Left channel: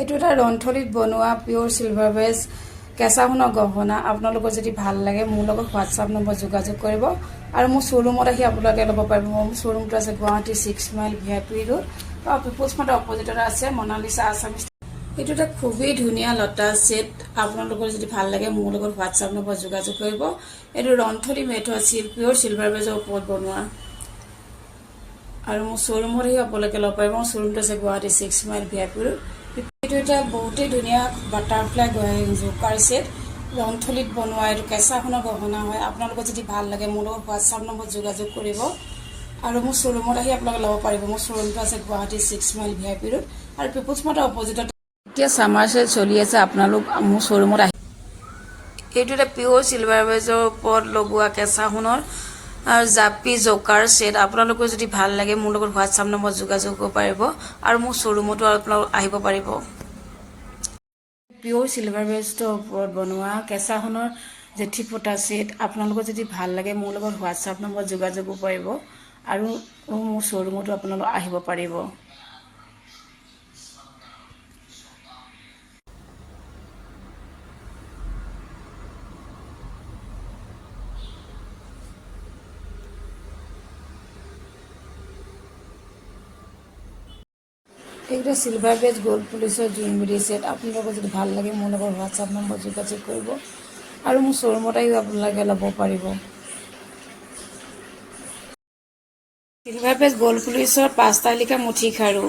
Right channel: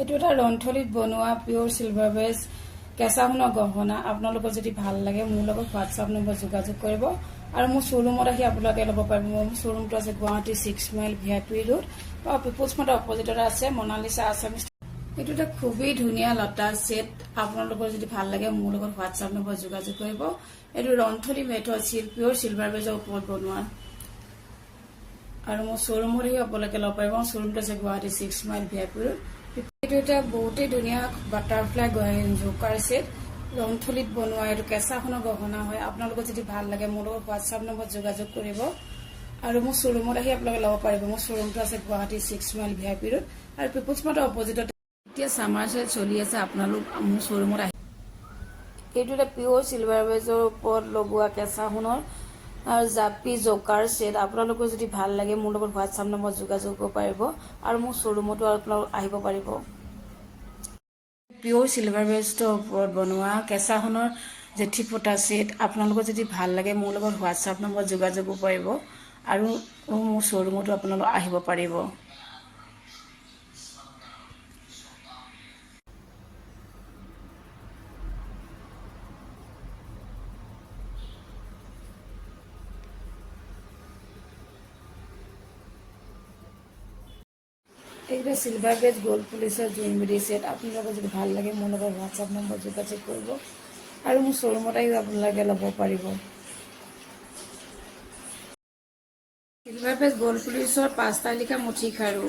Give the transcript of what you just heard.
এইটো এটা ৰন্থলীত বনোৱা পিওৰ সিলভাৰ বেজ কেঁচা সোণৰ গহনা। আপোনালোকৰ যদি ভাল লাগে মোৰ লগত হোৱাটছআপ নম্বৰ যোগাযোগ কৰিব আৰু মোৰ শ্ব'ৰুমত আহি আপোনালোকে ল'ব পাৰিব। মোৰ শ্ব'ৰুমটো আছে গুৱাহাটী 6 মাইল VIP ৰোড আৰু পিপলছ মাৰ্টৰ অপজিটত আছে মনালিছা আছামিজ। এইটো এটা খুবেই ধুনীয়া লতা সেট। আপোনালোকৰ যদি ভাল লাগে মোৰ লগত হোৱাটছআপ নম্বৰ যোগাযোগ কৰিব। এইটো ৰন্থলী মেথড আছিল পিওৰ সিলভাৰ বেজৰ ওপৰত বনোৱা আৰু মোৰ শ্ব'ৰুমত আহি আপোনালোকে ল'ব পাৰিব। মোৰ শ্ব'ৰুমটো আছে গুৱাহাটী 6 মাইল VIP ৰোড। এইটো এটা বহুতেই ধুনীয়া বাটাৰফ্লাই জোকাৰ ছেট ৰন্থলীত বনোৱা। এইটো কেঁচা সোণৰ গহনা হয়। আপোনালোকৰ যদি ভাল লাগে মোৰ লগত হোৱাটছআপ নম্বৰত যোগাযোগ কৰিব আৰু মোৰ শ্ব'ৰুমত আহি আপোনালোকে ল'ব পাৰিব। মোৰ শ্ব'ৰুমটো আছে গুৱাহাটী 6 মাইল VIP ৰোড আৰু পিপলছ মাৰ্টৰ অপজিটত। এতিয়া ছামাৰ চেল চলি আছে, আপোনালোক মোৰ শ্ব'ৰুমত আহি। এইটো এটা পিওৰ সিলভাৰ বেজৰ ওপৰত লগোৱা কেঁচা সোণৰ আৰু জাপি জকাৰ ছেট। আপোনালোকৰ যদি ভাল লাগে মোৰ লগত হোৱাটছআপ নম্বৰত যোগাযোগ কৰিব পাৰিব আৰু মোৰ শ্ব'ৰুমতো আপোনালোক আহিব পাৰিব। পিওৰ সিলভাৰ বেজৰ ওপৰত বনোৱা কেঁচা সোণৰ জেঠি পতা ছেট। আপোনালোকৰ যদি ভাল লাগে মোৰ লগত হোৱাটছআপ নম্বৰত যোগাযোগ কৰিব পাৰিব আৰু মোৰ শ্ব'ৰুমতো আপোনালোক আহিব পাৰিব। এইটো সিলভাৰ বেজ গোল্ড পুলিচৰ জুইলৰী ছেট। আপোনালোকৰ যদি ভাল লাগে মোৰ লগত হোৱাটছআপ নম্বৰ যোগাযোগ কৰিব আৰু মোৰ শ্ব'ৰুমত আহি আপোনালোকে ল'ব পাৰিব। সিলভাৰ বেজ গোল্ড পুলিচৰ 5টা লিখা মুঠি খাৰু।